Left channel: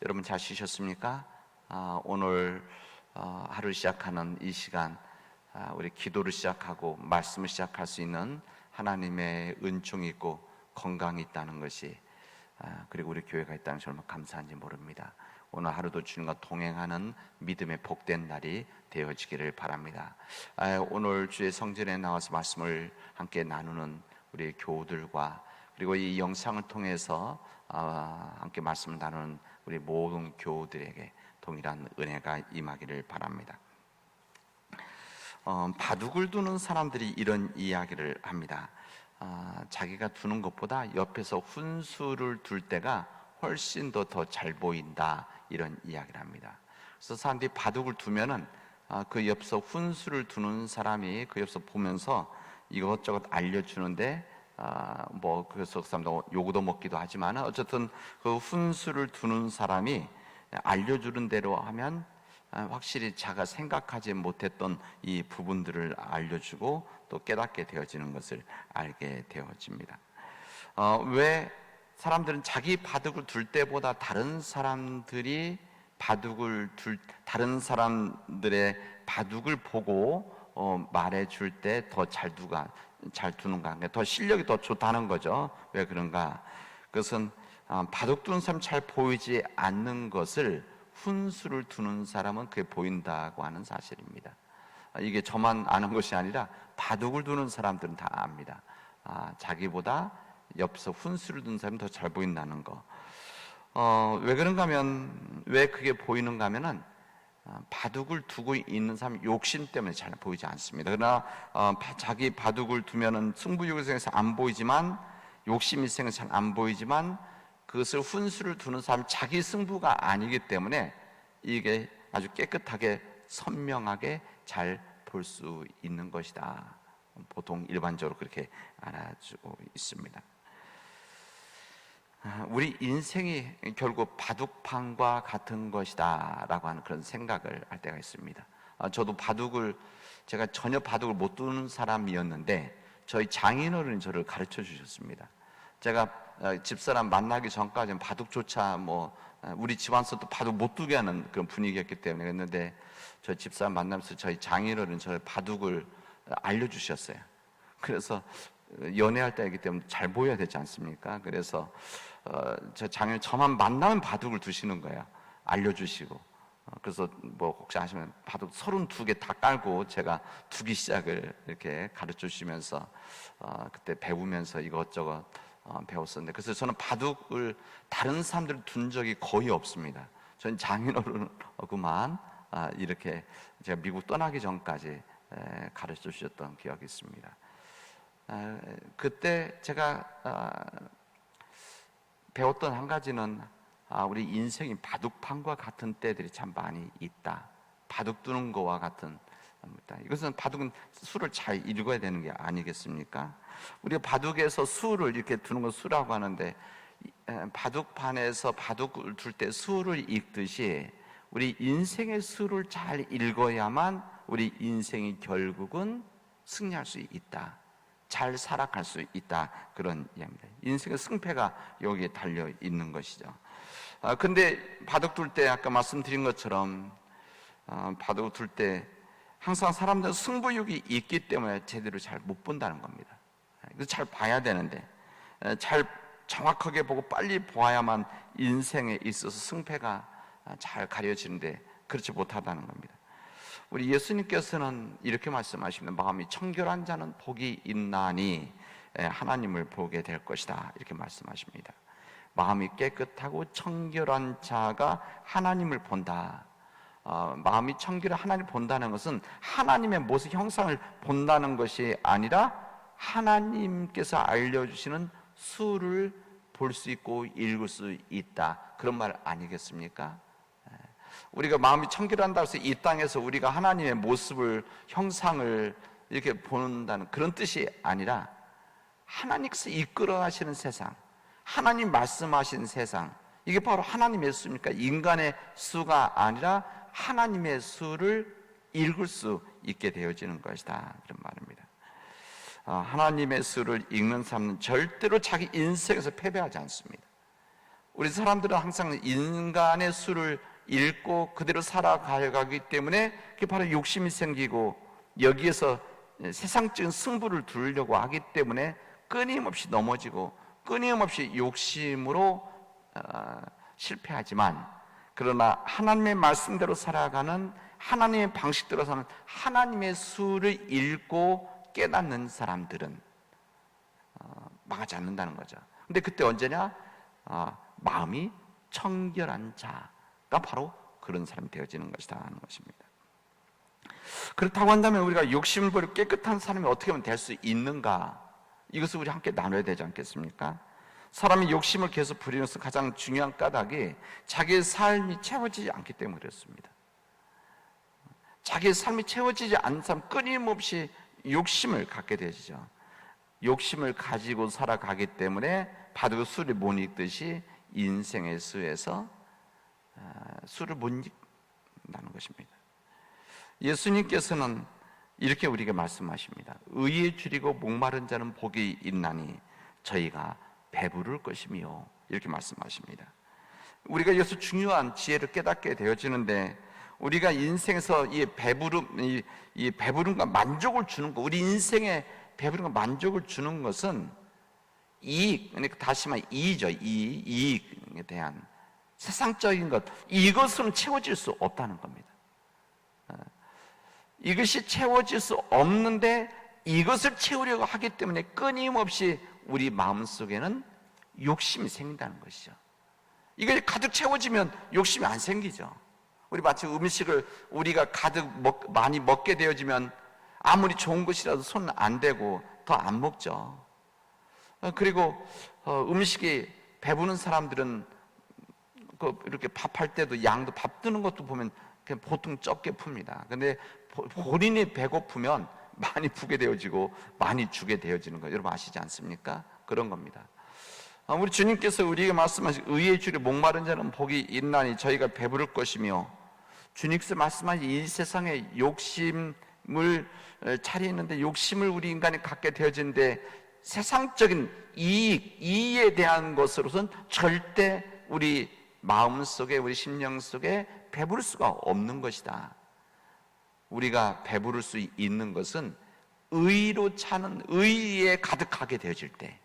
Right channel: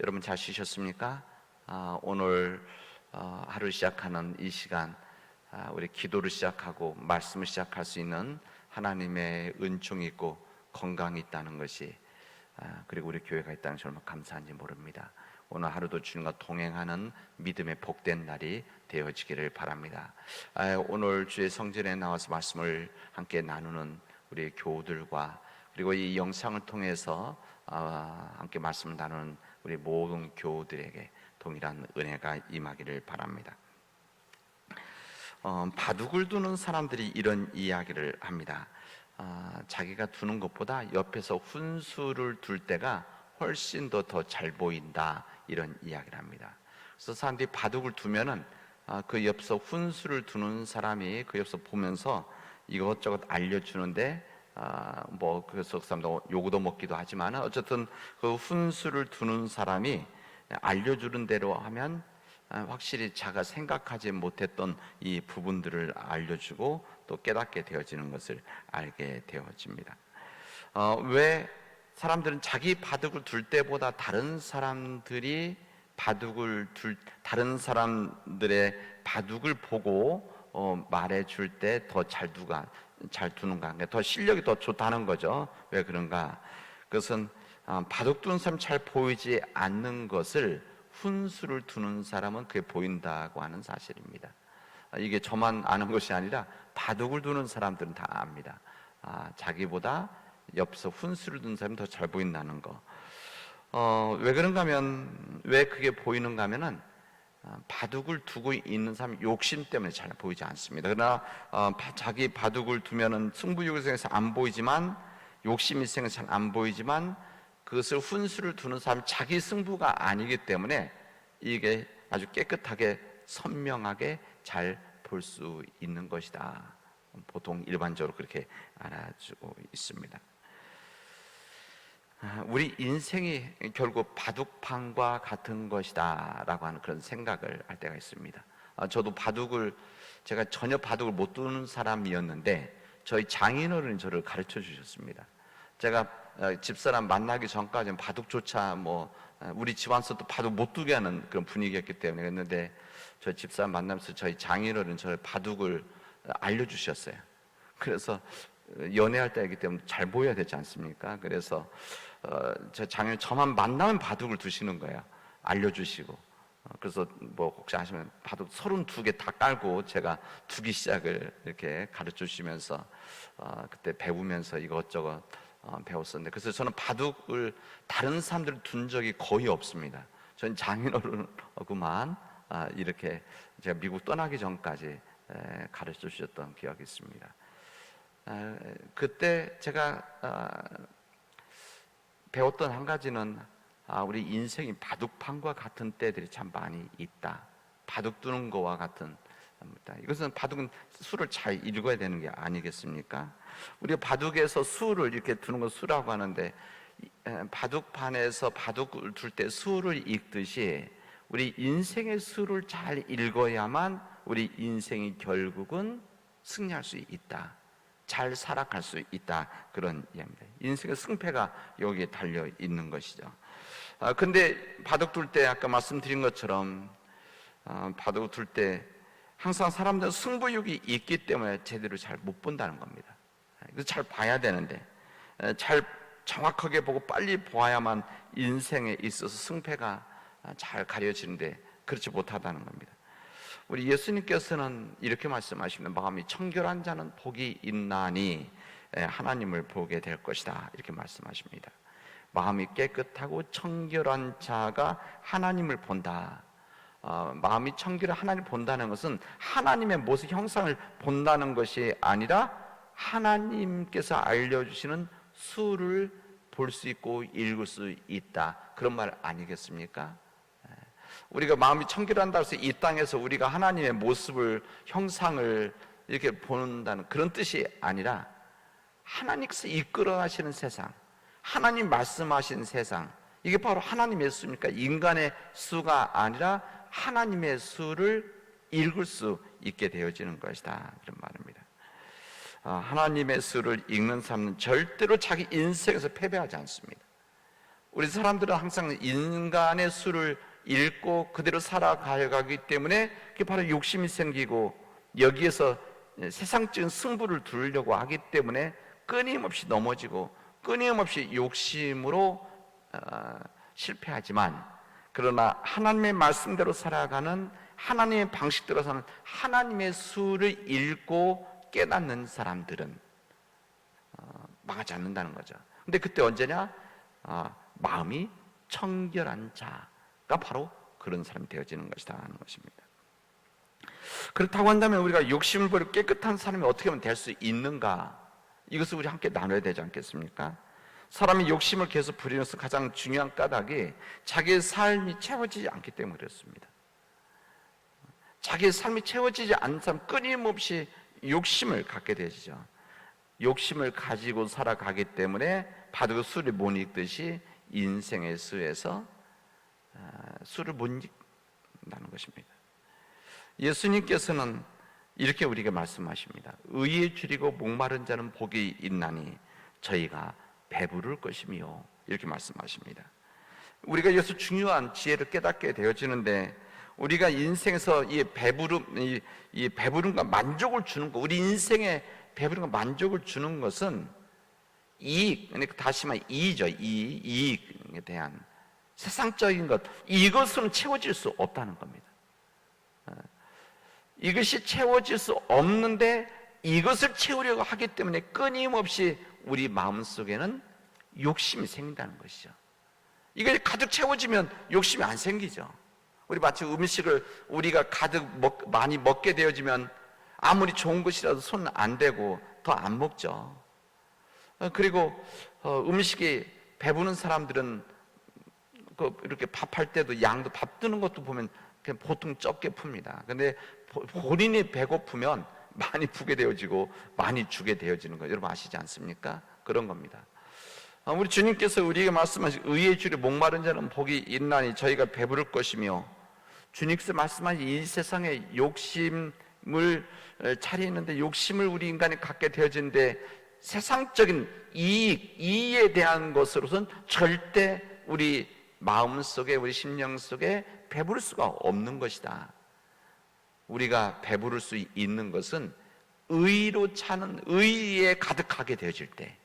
여러분 잘 쉬셨습니까? 아, 오늘 어, 하루 시작하는 이 시간 아, 우리 기도를 시작하고 말씀을 시작할 수 있는 하나님의 은총이 있고 건강이 있다는 것이 아, 그리고 우리 교회가 있다는 얼마나 감사한지 모릅니다. 오늘 하루도 주님과 동행하는 믿음의 복된 날이 되어지기를 바랍니다. 아, 오늘 주의 성전에 나와서 말씀을 함께 나누는 우리 교우들과 그리고 이 영상을 통해서 아, 함께 말씀 나누는 우리 모든 교우들에게 동일한 은혜가 임하기를 바랍니다. 어, 바둑을 두는 사람들이 이런 이야기를 합니다. 아, 자기가 두는 것보다 옆에서 훈수를 둘 때가 훨씬 더 더 잘 보인다 이런 이야기를 합니다. 그래서 사람들이 바둑을 두면은 아, 그 옆에서 훈수를 두는 사람이 그 옆에서 보면서 이것저것 알려주는데 아, 뭐 그래서 사람도 요구도 먹기도 하지만 어쨌든 그 훈수를 두는 사람이 알려주는 대로 하면 아, 확실히 자가 생각하지 못했던 이 부분들을 알려주고 또 깨닫게 되어지는 것을 알게 되어집니다. 어, 왜 사람들은 자기 바둑을 둘 때보다 다른 사람들이 바둑을 둘 다른 사람들의 바둑을 보고 어, 말해줄 때 더 잘 두가 잘 두는가 그러니까 더 실력이 더 좋다는 거죠. 왜 그런가? 그것은 아, 바둑 두는 사람 잘 보이지 않는 것을 훈수를 두는 사람은 그게 보인다고 하는 사실입니다. 아, 이게 저만 아는 것이 아니라 바둑을 두는 사람들은 다 압니다. 아, 자기보다 옆서 훈수를 두는 사람이 더 잘 보인다는 거. 어, 왜 그런가 하면, 왜 그게 보이는가 하면은, 어, 바둑을 두고 있는 사람 욕심 때문에 잘 보이지 않습니다. 그러나, 어, 바- 자기 바둑을 두면은 승부욕에서 안 보이지만, 욕심이 생겨서 잘안 보이지만, 그것을 훈수를 두는 사람 자기 승부가 아니기 때문에 이게 아주 깨끗하게 선명하게 잘 볼 수 있는 것이다. 보통 일반적으로 그렇게 알아주고 있습니다. 아, 우리 인생이 결국 바둑판과 같은 것이다 라고 하는 그런 생각을 할 때가 있습니다. 아, 저도 바둑을 제가 전혀 바둑을 못 두는 사람이었는데 저희 장인어른이 저를 가르쳐 주셨습니다. 제가 어, 집사람 만나기 전까지는 바둑조차 뭐 어, 우리 집안서도 바둑 못 두게 하는 그런 분위기였기 때문에 그랬는데 저희 집사람 만나면서 저희 장인어른 저를 바둑을 어, 알려주셨어요. 그래서 연애할 때이기 때문에 잘 보여야 되지 않습니까? 그래서 어, 제 장인 저만 만나면 바둑을 두시는 거야. 알려주시고. 어, 그래서 뭐 혹시 아시면 바둑 서른 두개다 깔고 제가 두기 시작을 이렇게 가르쳐 주시면서 어, 그때 배우면서 이것저것 어, 배웠었는데 그래서 저는 바둑을 다른 사람들 둔 적이 거의 없습니다. 저는 장인어른하고만 아, 이렇게 제가 미국 떠나기 전까지 에, 가르쳐 주셨던 기억이 있습니다. 아, 그때 제가 아, 배웠던 한 가지는 아, 우리 인생이 바둑판과 같은 때들이 참 많이 있다. 바둑 두는 거와 같은. 이것은 바둑은 수를 잘 읽어야 되는 게 아니겠습니까? 우리가 바둑에서 수를 이렇게 두는 거 수라고 하는데 바둑판에서 바둑을 둘 때 수를 읽듯이 우리 인생의 수를 잘 읽어야만 우리 인생이 결국은 승리할 수 있다. 잘 살아갈 수 있다. 그런 이야기입니다. 인생의 승패가 여기에 달려 있는 것이죠. 아, 근데 바둑 둘 때 아까 말씀드린 것처럼 아, 바둑 둘 때 항상 사람들은 승부욕이 있기 때문에 제대로 잘 못 본다는 겁니다. 잘 봐야 되는데 에, 잘 정확하게 보고 빨리 보아야만 인생에 있어서 승패가 아, 잘 가려지는데 그렇지 못하다는 겁니다. 우리 예수님께서는 이렇게 말씀하시면 마음이 청결한 자는 복이 있나니 에, 하나님을 보게 될 것이다 이렇게 말씀하십니다. 마음이 깨끗하고 청결한 자가 하나님을 본다. 어, 마음이 청결한 하나님을 본다는 것은 하나님의 모습 형상을 본다는 것이 아니라 하나님께서 알려주시는 수를 볼 수 있고 읽을 수 있다. 그런 말 아니겠습니까? 예. 우리가 마음이 청결한다고 해서 이 땅에서 우리가 하나님의 모습을, 형상을 이렇게 본다는 그런 뜻이 아니라 하나님께서 이끌어 가시는 세상, 하나님 말씀하신 세상, 이게 바로 하나님의 수입니까? 인간의 수가 아니라 하나님의 수를 읽을 수 있게 되어지는 것이다. 그런 말입니다. 아, 하나님의 수를 읽는 사람은 절대로 자기 인생에서 패배하지 않습니다. 우리 사람들은 항상 인간의 수를 읽고 그대로 살아가기 때문에 그게 바로 욕심이 생기고 여기에서 세상적인 승부를 두려고 하기 때문에 끊임없이 넘어지고 끊임없이 욕심으로 어, 실패하지만 그러나 하나님의 말씀대로 살아가는 하나님의 방식대로 사는 하나님의 수를 읽고 깨닫는 사람들은 어, 망하지 않는다는 거죠. 근데 그때 언제냐? 어, 마음이 청결한 자가 바로 그런 사람이 되어지는 것이다 하는 것입니다. 그렇다고 한다면 우리가 욕심을 깨끗한 사람이 어떻게 하면 될 수 있는가? 이것을 우리 함께 나눠야 되지 않겠습니까? 사람이 욕심을 계속 부리면서 가장 중요한 까닭이 자기의 삶이 채워지지 않기 때문에 그렇습니다. 자기의 삶이 채워지지 않는 사람 끊임없이 욕심을 갖게 되죠. 욕심을 가지고 살아가기 때문에 바로 술을 못 읽듯이 인생의 수에서 어, 술을 못 읽는다는 것입니다. 예수님께서는 이렇게 우리에게 말씀하십니다. 의에 줄이고 목마른 자는 복이 있나니 저희가 배부를 것이며 이렇게 말씀하십니다. 우리가 여기서 중요한 지혜를 깨닫게 되어지는데 우리가 인생에서 이 배부름, 이, 이 배부름과 만족을 주는 것, 우리 인생에 배부름과 만족을 주는 것은 이익, 그러니까 다시 말해 이익이죠. 이익, 이익에 대한 세상적인 것, 이것으로 채워질 수 없다는 겁니다. 어, 이것이 채워질 수 없는데 이것을 채우려고 하기 때문에 끊임없이 우리 마음 속에는 욕심이 생긴다는 것이죠. 이게 가득 채워지면 욕심이 안 생기죠. 우리 마치 음식을 우리가 가득 먹, 많이 먹게 되어지면 아무리 좋은 것이라도 손 안 대고 더 안 먹죠. 어, 그리고 어, 음식이 배부른 사람들은 그 이렇게 밥할 때도 양도 밥 뜨는 것도 보면 그냥 보통 적게 풉니다. 근데 본인이 배고프면 많이 푸게 되어지고 많이 주게 되어지는 거 여러분 아시지 않습니까? 그런 겁니다. 어, 우리 주님께서 우리에게 말씀하신 의의 줄이 목마른 자는 복이 있나니 저희가 배부를 것이며 주님께서 말씀하신 이 세상에 욕심을 차리는데 욕심을 우리 인간이 갖게 되어지는데 세상적인 이익, 이익에 대한 것으로선 절대 우리 마음 속에 우리 심령 속에 배부를 수가 없는 것이다. 우리가 배부를 수 있는 것은 의로 차는 의에 가득하게 되어질 때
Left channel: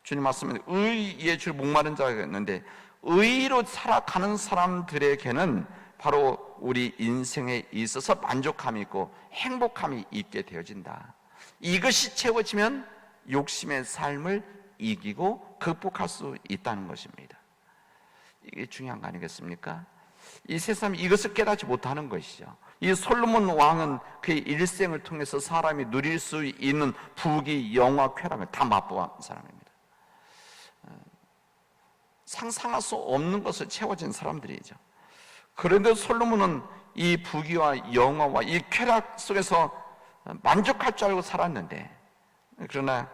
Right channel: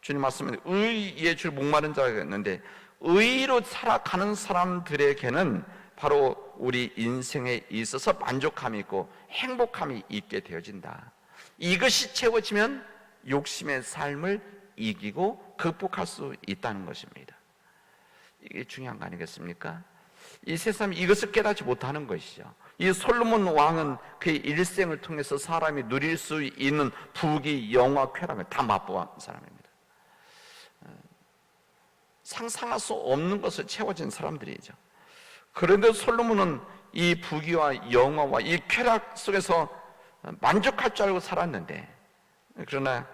주님 말씀에 의에 줄 목마른 자가 있는데 의로 살아가는 사람들에게는 바로 우리 인생에 있어서 만족감이 있고 행복감이 있게 되어진다. 이것이 채워지면 욕심의 삶을 이기고 극복할 수 있다는 것입니다. 이게 중요한 거 아니겠습니까? 이 세상이 이것을 깨닫지 못하는 것이죠. 이 솔로몬 왕은 그의 일생을 통해서 사람이 누릴 수 있는 부귀, 영화, 쾌락을 다 맛보한 사람입니다. 상상할 수 없는 것을 채워진 사람들이죠. 그런데 솔로몬은 이 부귀와 영화와 이 쾌락 속에서 만족할 줄 알고 살았는데 그러나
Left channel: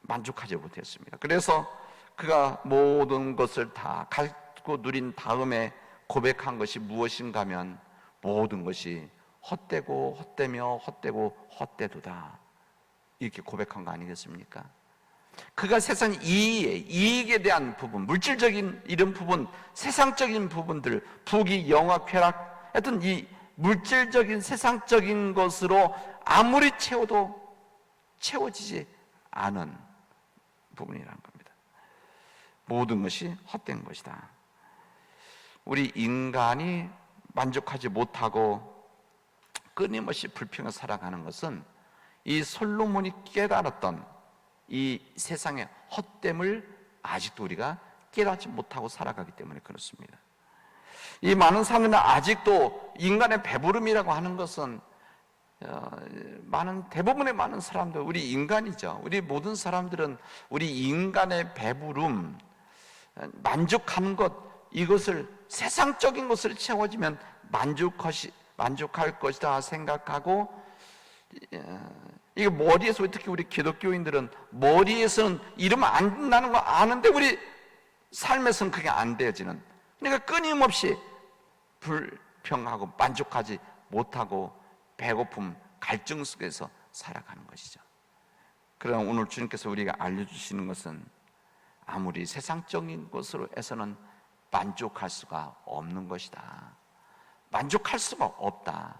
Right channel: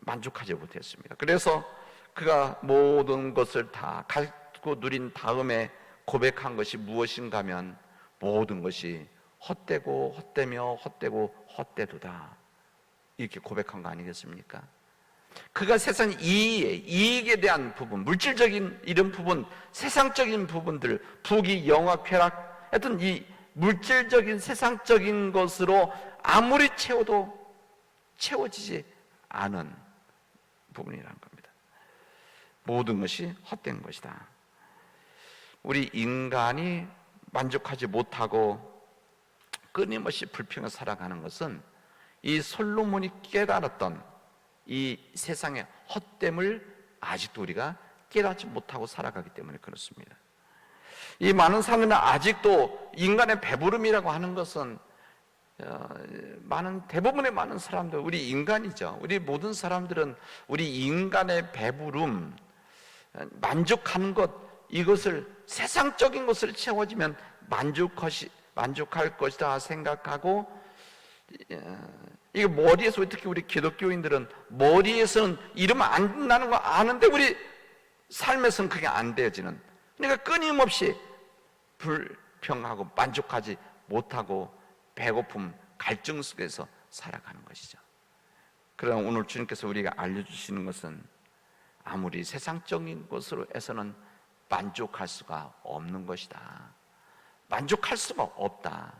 만족하지 못했습니다. 그래서 그가 모든 것을 다 갖고 누린 다음에 고백한 것이 무엇인가 하면 모든 것이 헛되고 헛되며 헛되고 헛되도다. 이렇게 고백한 거 아니겠습니까? 그가 세상 이익, 이익에 대한 부분, 물질적인 이런 부분, 세상적인 부분들, 부귀, 영화, 쾌락, 하여튼 이 물질적인 세상적인 것으로 아무리 채워도 채워지지 않은 부분이라는. 모든 것이 헛된 것이다. 우리 인간이 만족하지 못하고 끊임없이 불평을 살아가는 것은 이 솔로몬이 깨달았던 이 세상의 헛됨을 아직도 우리가 깨닫지 못하고 살아가기 때문에 그렇습니다. 이 많은 사람들은 아직도 인간의 배부름이라고 하는 것은 어, 많은 대부분의 많은 사람들 우리 인간이죠. 우리 모든 사람들은 우리 인간의 배부름 만족하는 것 이것을 세상적인 것을 채워지면 만족하시 만족할 것이다 생각하고 이게 머리에서 특히 우리 기독교인들은 머리에서는 이러면 안 된다는 거 아는데 우리 삶에서는 그게 안 되어지는 그러니까 끊임없이 불평하고 만족하지 못하고 배고픔 갈증 속에서 살아가는 것이죠. 그러나 오늘 주님께서 우리가 알려주시는 것은 아무리 세상적인 것으로 해서는 만족할 수가 없는 것이다. 만족할 수가 없다.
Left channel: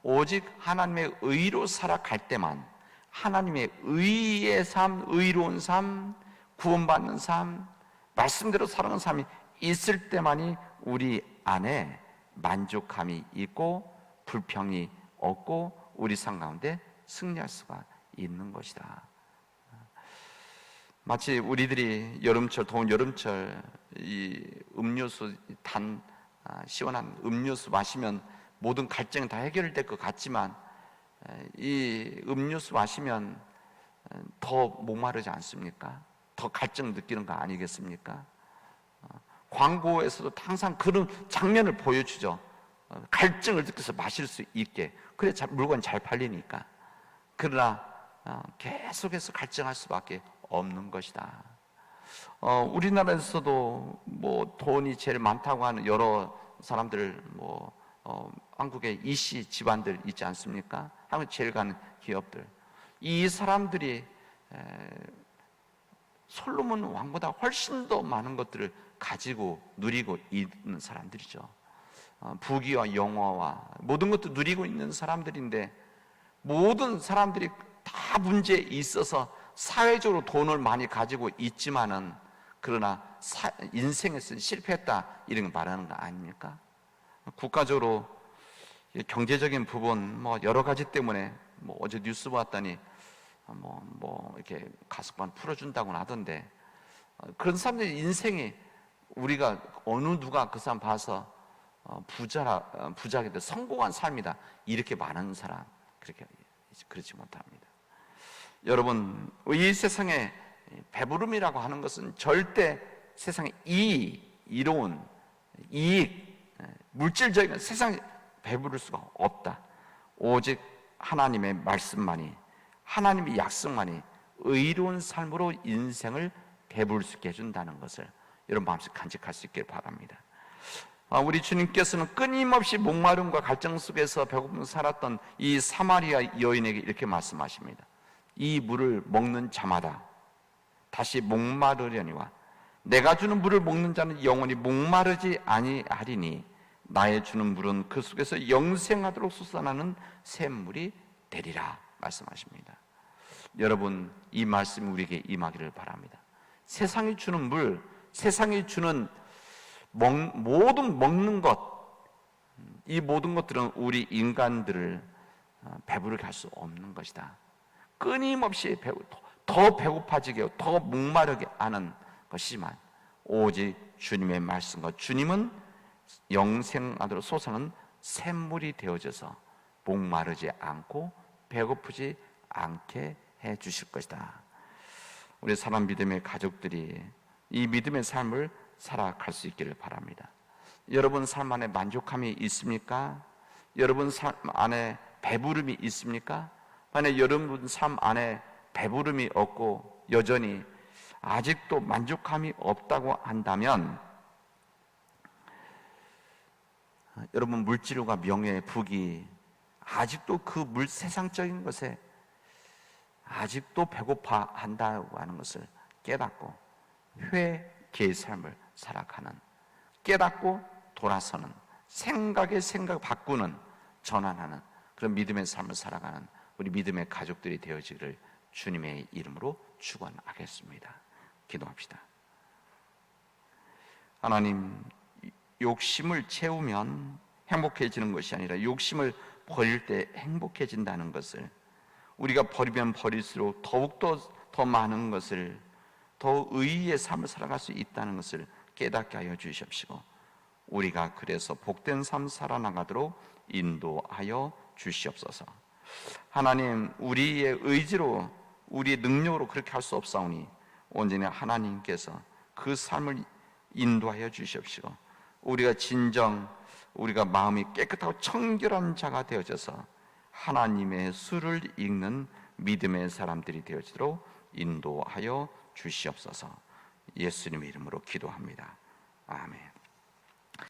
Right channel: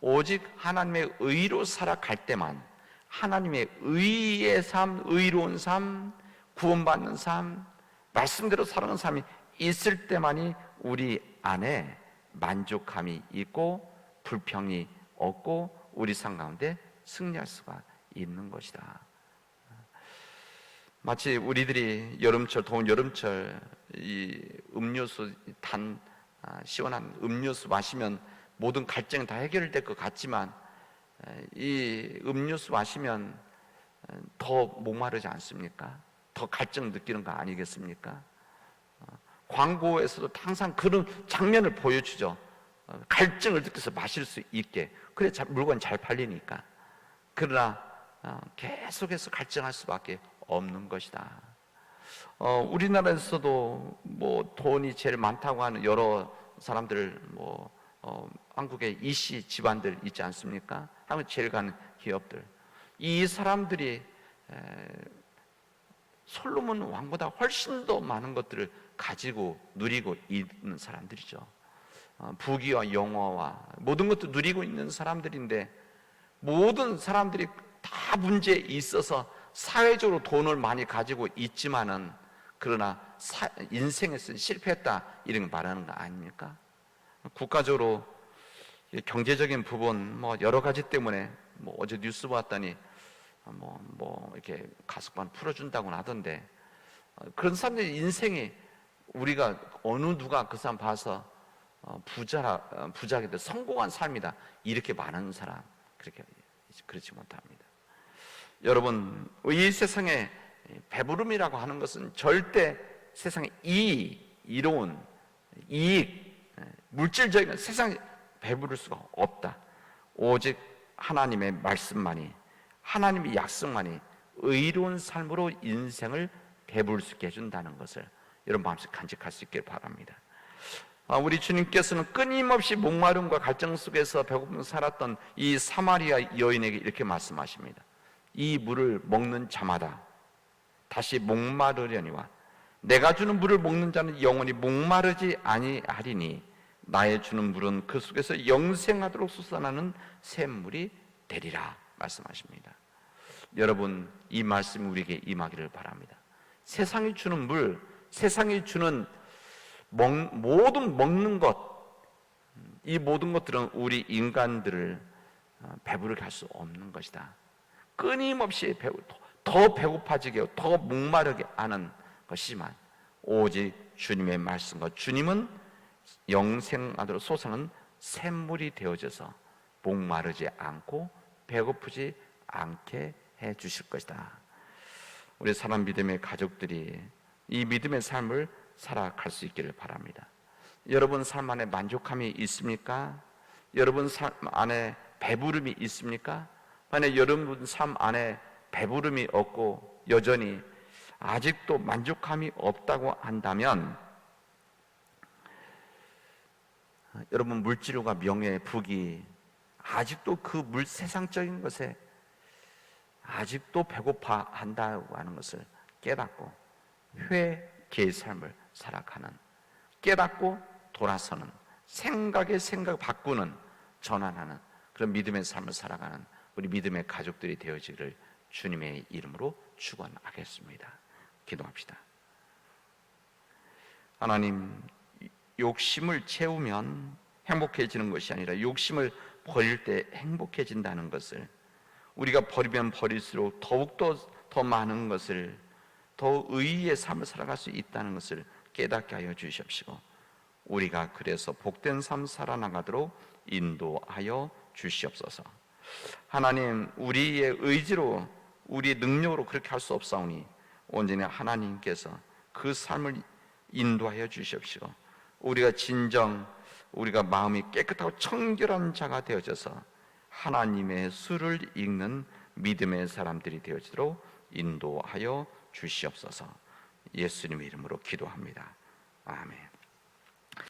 오직 하나님의 의로 살아갈 때만 하나님의 의의 삶, 의로운 삶, 구원받는 삶, 말씀대로 살아가는 삶이 있을 때만이 우리 안에 만족함이 있고 불평이 없고 우리 삶 가운데 승리할 수가 있는 것이다. 마치 우리들이 여름철 더운 여름철 이 음료수 단 아, 시원한 음료수 마시면 모든 갈증이 다 해결될 것 같지만 이 음료수 마시면 더 목마르지 않습니까? 더 갈증 느끼는 거 아니겠습니까? 어, 광고에서도 항상 그런 장면을 보여주죠. 어, 갈증을 느껴서 마실 수 있게. 그래 물건 잘 팔리니까. 그러나 어, 계속해서 갈증할 수밖에 없는 것이다. 어, 우리나라에서도 뭐 돈이 제일 많다고 하는 여러 사람들 뭐 어, 한국의 이씨 집안들 있지 않습니까? 한국 제일 가는 기업들. 이 사람들이 에, 솔로몬 왕보다 훨씬 더 많은 것들을 가지고 누리고 있는 사람들이죠. 어, 부귀와 영화와 모든 것도 누리고 있는 사람들인데 모든 사람들이 다 문제에 있어서 사회적으로 돈을 많이 가지고 있지만은 그러나 사, 인생에서 실패했다 이런 거 말하는 거 아닙니까? 국가적으로 경제적인 부분 뭐 여러 가지 때문에 뭐 어제 뉴스 봤더니 뭐, 뭐 이렇게 가슴만 풀어준다고 하던데 어, 그런 사람들의 인생이 우리가 어느 누가 그 사람 봐서 어, 부자 어, 부자게 돼 성공한 삶이다 이렇게 말하는 사람 그렇게 그렇지 못합니다. 여러분 이 세상에 배부름이라고 하는 것은 절대 세상에 이 이로운 이익 물질적인 세상에 배부를 수가 없다. 오직 하나님의 말씀만이 하나님의 약속만이 의로운 삶으로 인생을 배부를 수 있게 해준다는 것을 여러분 마음속 간직할 수 있길 바랍니다. 아, 우리 주님께서는 끊임없이 목마름과 갈증 속에서 배고픔 살았던 이 사마리아 여인에게 이렇게 말씀하십니다. 이 물을 먹는 자마다 다시 목마르려니와 내가 주는 물을 먹는 자는 영원히 목마르지 아니하리니 나의 주는 물은 그 속에서 영생하도록 솟아나는 샘물이 되리라 말씀하십니다. 여러분 이 말씀 우리에게 임하기를 바랍니다. 세상이 주는 물, 세상이 주는 먹, 모든 먹는 것, 이 모든 것들은 우리 인간들을 어, 배부르게 할 수 없는 것이다. 끊임없이 배고, 더 배고파지게, 더 목마르게 하는 것이지만 오직 주님의 말씀과 주님은 영생하도록 솟아는 샘물이 되어져서 목마르지 않고 배고프지 않게 해 주실 것이다. 우리 사람 믿음의 가족들이 이 믿음의 삶을 살아갈 수 있기를 바랍니다. 여러분 삶 안에 만족함이 있습니까? 여러분 삶 안에 배부름이 있습니까? 만약 여러분 삶 안에 배부름이 없고 여전히 아직도 만족함이 없다고 한다면 여러분 물질과 명예, 부귀 아직도 그 물 세상적인 것에 아직도 배고파 한다고 하는 것을 깨닫고 회개의 삶을 살아가는 깨닫고 돌아서는 생각의 생각 바꾸는 전환하는 그런 믿음의 삶을 살아가는 우리 믿음의 가족들이 되어지기를 주님의 이름으로 축원하겠습니다. 기도합시다. 하나님 욕심을 채우면 행복해지는 것이 아니라 욕심을 버릴 때 행복해진다는 것을 우리가 버리면 버릴수록 더욱더 더 많은 것을 더 의의의 삶을 살아갈 수 있다는 것을 깨닫게 하여 주십시오. 우리가 그래서 복된 삶 살아나가도록 인도하여 주시옵소서. 하나님, 우리의 의지로, 우리의 능력으로 그렇게 할 수 없사오니 온전히 하나님께서 그 삶을 인도하여 주십시오. 우리가 진정 우리가 마음이 깨끗하고 청결한 자가 되어져서 하나님의 수를 읽는 믿음의 사람들이 되어지도록 인도하여 주시옵소서. 예수님 이름으로 기도합니다. 아멘.